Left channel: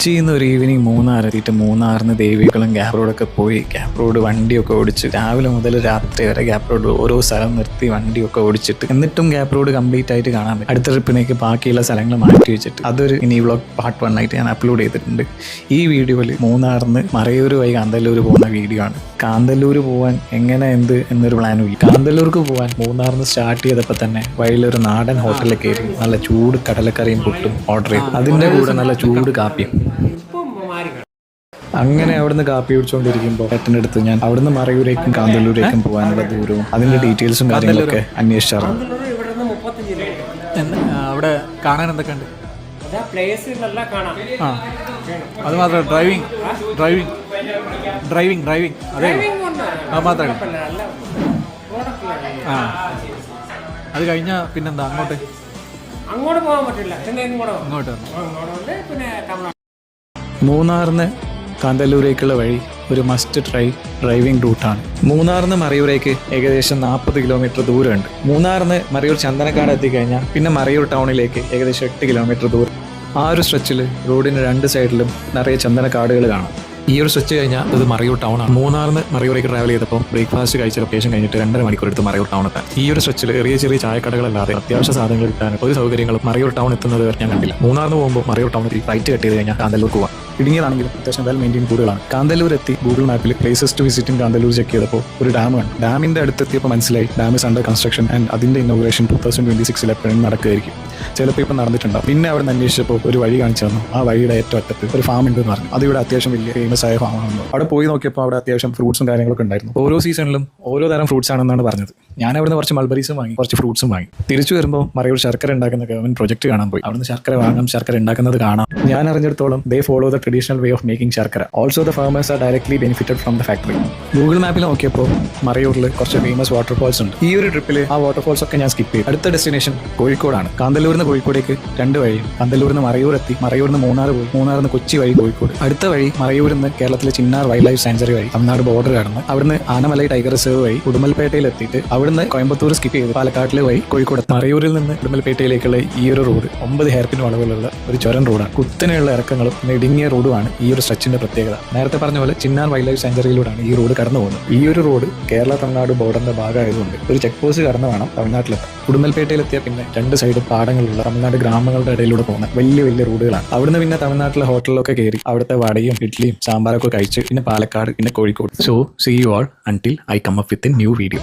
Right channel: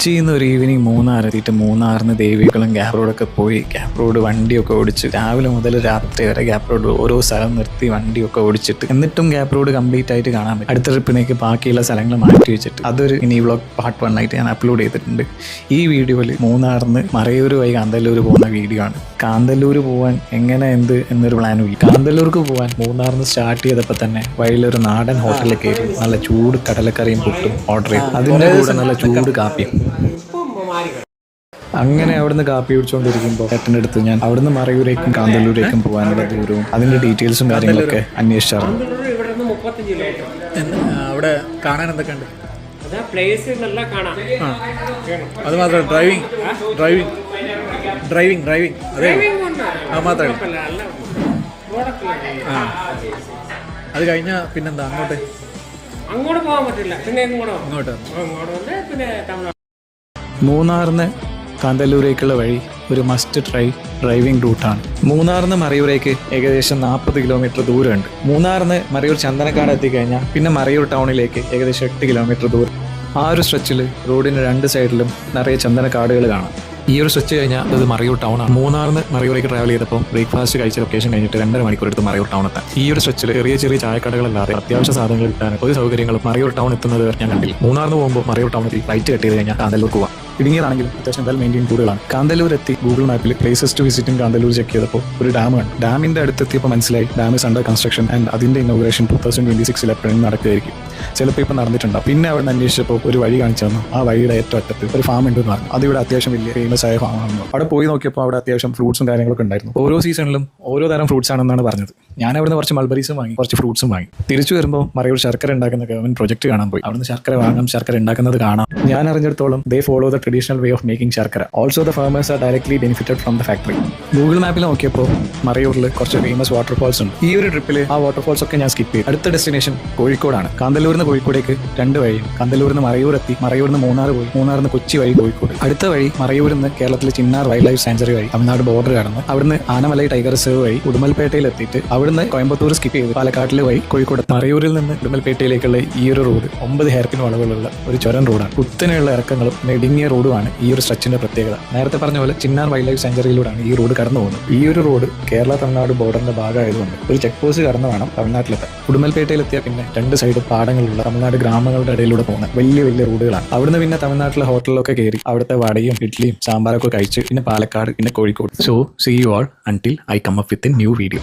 കൊച്ചിയിൽ നിന്ന് ഒരു ഈവനിങ് മൂന്നാറെത്തിയിട്ട് മൂന്നാറിന് ദേവികുളം ഗ്യാപ് റോഡൊക്കെ പോയി ഗ്യാപ് റോഡ് വണ്ടിയൊക്കെ ഓടിച്ച് രാവിലെ മുതൽ രാത്രി വരെ ഗ്യാപ് റോഡ് ഓരോ സ്ഥലം നിർത്തി വണ്ടിയൊക്കെ ഓടിച്ചിട്ട് എന്നിട്ടും ഗ്യാപ് റോഡ് കംപ്ലീറ്റ് ആയിട്ട് കാണാൻ പറ്റും. അടുത്ത ട്രിപ്പിനേക്ക് ബാക്കിയുള്ള സ്ഥലങ്ങൾ മാറ്റി വെച്ചിട്ട് അതൊരു മിനി വ്ളോഗ് പാർട്ട് 1 ആയിട്ട് ഞാൻ അപ്ലോഡ് ചെയ്തിട്ടുണ്ട്. ഈ വീഡിയോയിൽ മൂന്നാറിന് മറയൂർ വഴി കാന്തല്ലൂർ പോകുന്ന വീഡിയോ ആണ്. കാന്തല്ലൂർ പോകാൻ എങ്ങനെ എന്ത് എന്നൊരു പ്ലാനും ഇല്ല. കാന്തല്ലൂർക്ക് പോകാൻ മൂന്നാറിന് സ്റ്റാർട്ട് ചെയ്തപ്പോൾ തന്നെ വഴിയിലൊരു നാടൻ ഹോട്ടലിൽ കയറി നല്ല ചൂട് കടലക്കറിയും പുട്ടും ഓർഡർ ചെയ്തു. അതിൻ്റെ കൂടെ നല്ല ചൂട് കാപ്പിയും. അങ്ങനെ അവിടുന്ന് കാപ്പി കുടിച്ചുകൊണ്ടിരിക്കുമ്പോൾ ഏട്ടൻ്റെ അടുത്ത് ഞാൻ അവിടുന്ന് മറയൂരേക്കും കാന്തല്ലൂരേക്കും പോകാനുള്ള ദൂരവും അതിൻ്റെ ഡീറ്റെയിൽസും കാര്യങ്ങളൊക്കെ അന്വേഷിച്ചായിരുന്നു. അവിടെ കാണാൻ എന്തൊക്കെ ഉണ്ട്? ആ അത് മാത്രമേ ഡ്രൈവിംഗ് അതെ അത് മാത്രമേ. ആ അത് കഴിഞ്ഞാൽ പിന്നെന്താ അങ്ങോട്ട് പോകാൻ പറ്റില്ല. അങ്ങോട്ട് മൂന്നാറിന് കാന്തല്ലൂരേക്കുള്ള വഴി ഒരു മസ്റ്റ് ട്രൈ ഡ്രൈവിംഗ് റൂട്ടാണ്. മൂന്നാറിന് മറയൂരേക്ക് ഏകദേശം 40 കിലോമീറ്റർ ദൂരമുണ്ട്. മൂന്നാറിന് മറയൂർ ചന്ദനക്കാട് എത്തിക്കഴിഞ്ഞാൽ പിന്നെ മറയൂർ ടൗണിലേക്ക് ഏകദേശം 8 കിലോമീറ്റർ ദൂരം. ആ ഒരു സ്ട്രെച്ചിൽ റോഡിന് 2 സൈഡിലും നിറയെ ചന്ദനക്കാടുകൾ കാണാം. ഈ ഒരു സ്ട്രെച്ച് കഴിഞ്ഞാൽ അത് മറയൂർ ടൗൺ ആണ്. മൂന്നാറിന് മറയൂരേക്ക് ട്രാവൽ ചെയ്തപ്പോൾ ബ്രേക്ക്ഫാസ്റ്റ് കഴിച്ച ലൊക്കേഷൻ കഴിഞ്ഞിട്ട് 2.5 മണിക്കൂർ എടുത്ത് മറയൂർ ടൗൺ എത്താൻ. ഈ ഒരു സ്ട്രെച്ചിൽ ചെറിയ ചായക്കടകളല്ലാതെ അത്യാവശ്യ സാധനങ്ങൾ കിട്ടാൻ ഒരു സൗകര്യങ്ങളും മറയൂർ ടൗൺ എത്തുന്നത് ഞാൻ കണ്ടില്ല. മൂന്നാറിന് പോകുമ്പോൾ മറയൂർ ടൗണിൽ ഫ്ലൈറ്റ് കട്ട് ചെയ്ത് കഴിഞ്ഞാൽ കാന്തല്ലൂർ പോകാം. ഇടുങ്ങിയതാണെങ്കിലും അത്യാവശ്യം വെൽ മെയിൻറ്റെയിൻ കൂടുതലാണ്. കാന്തല്ലൂർ എത്തി ഗൂഗിൾ മാപ്പിൽ പ്ലേസസ് ടു വിസിറ്റും കാന്തല്ലൂർ ചെക്ക് ചെയ്തപ്പോൾ ഒരു ഡാം കണ്ടു. ഡാമിന്റെ അടുത്തെത്തിയപ്പോൾ മനസ്സിലായി dam is under construction and അതിന്റെ ഇനോഗ്രേഷൻ 2026 എപ്പോഴും നടക്കുകയായിരിക്കും. ചിലപ്പോൾ ഇപ്പം നടന്നിട്ടുണ്ടാവും. പിന്നെ അവിടെ നിന്ന് അന്വേഷിച്ചപ്പോൾ ഒരു വഴി കാണിച്ചു തന്നു. ആ വഴിയുടെ ഏറ്റവും അറ്റത്തിൽ ഒരു ഫാം ഉണ്ടെന്ന് പറഞ്ഞു. അതിവിടെ അത്യാവശ്യം വലിയ ഫേമസ് ആയ ഫാമാണ്. അവിടെ പോയി നോക്കിയപ്പോൾ അവിടെ അത്യാവശ്യം ഫ്രൂട്ട്സും കാര്യങ്ങളൊക്കെ ഉണ്ടായിരുന്നു. ഓരോ സീസണിലും ഓരോ തരം ഫ്രൂട്ട്സ് ആണെന്നാണ് പറഞ്ഞത്. ഞാൻ അവിടുന്ന് കുറച്ച് മൾബറീസും വാങ്ങി, കുറച്ച് ഫ്രൂട്ട്സും വാങ്ങി. തിരിച്ചു വരുമ്പോൾ മറയൂർ ശർക്കര ഉണ്ടാക്കുന്ന ഗവൺമെന്റ് പ്രൊജക്ട് കാണാൻ പോയി. അവിടുന്ന് ശർക്കര വാങ്ങാം, ശർക്കര ഉണ്ടാക്കുന്നത് കാണാം. ഞാൻ അറിഞ്ഞിടത്തോളം they follow the traditional way of making sharkara. Also the farmers are directly benefited from the factory. Google മാപ്പിൽ നോക്കിയപ്പോൾ മറയൂരിൽ കുറച്ച് ഫേമസ് വാട്ടർഫോൾസ് ഉണ്ട്. ഈ ഒരു ട്രിപ്പിൽ ആ വാട്ടർഫോൾസ് ഒക്കെ ഞാൻ സ്കിപ്പ് ചെയ്തു. അടുത്ത ഡെസ്റ്റിനേഷൻ കോഴിക്കോടാണ്. കാന്തല്ലൂരിന് കോഴിക്കോടേക്ക് 2 വഴി. കാന്തല്ലൂരിന് മറയൂർ എത്തി, മറയൂരിന് മൂന്നാർ പോയി, മൂന്നാറിന് കൊച്ചി വഴി കോഴിക്കോട്. അടുത്ത വഴി മറയൂരിൽ നിന്ന് കേരളത്തിലെ ചിന്നാർ വൈൽഡ് ലൈഫ് സാങ്ച്വറി വഴി തമിഴ്നാട് ബോർഡർ കടന്ന് അവിടുന്ന് ആനമലൈ ടൈഗർ റിസർവ് വഴി ഉടുമൽപേട്ടയിൽ എത്തിയിട്ട് അവിടുന്ന് കോയമ്പത്തൂർ സ്കിപ്പ് ചെയ്ത് പാലക്കാട്ടിലെ വഴി കോഴിക്കോട്. മറയൂരിൽ നിന്ന് ഉടുമൽപേട്ടയിലേക്കുള്ള ഈ ഒരു റോഡ് 9 ഹെയർപിൻ വളവുകളുള്ള ഒരു ചുരം റോഡാണ്. കുത്തനെയുള്ള ഇറക്കങ്ങളും ഇടുങ്ങിയ റോഡുമാണ് ഈ ഒരു സ്ട്രെച്ചിന്റെ പ്രത്യേകത. നേരത്തെ പറഞ്ഞ പോലെ ചിന്നാർ വൈൽഡ് ലൈഫ് സാങ്ച്വറിയിലൂടെയാണ് ഈ റോഡ് കടന്നു പോകുന്നത്. ഈ ഒരു റോഡ് കേരള തമിഴ്നാട് ബോർഡറിന്റെ ഭാഗമായതുകൊണ്ട് ഒരു ചെക്ക് പോസ്റ്റ് കടന്നതാണ് തമിഴ്നാട്ടിലെത്താൻ. ഉടുമൽപേട്ടയിലെത്തിയാൽ പിന്നെ 2 സൈഡ് പാടങ്ങളുള്ള തമിഴ്നാട് ഗ്രാമങ്ങളുടെ ഇടയിലൂടെ പോകുന്ന വലിയ റോഡുകളാണ്. അവിടുന്ന് പിന്നെ തമിഴ്നാട്ടിലെ ഹോട്ടലിലൊക്കെ കയറി അവിടുത്തെ വടയും ഇഡ്ഡലിയും സാമ്പാറൊക്കെ കഴിച്ച് പിന്നെ പാലക്കാട് പിന്നെ Kozhikode. So see you all until I come up with a new video.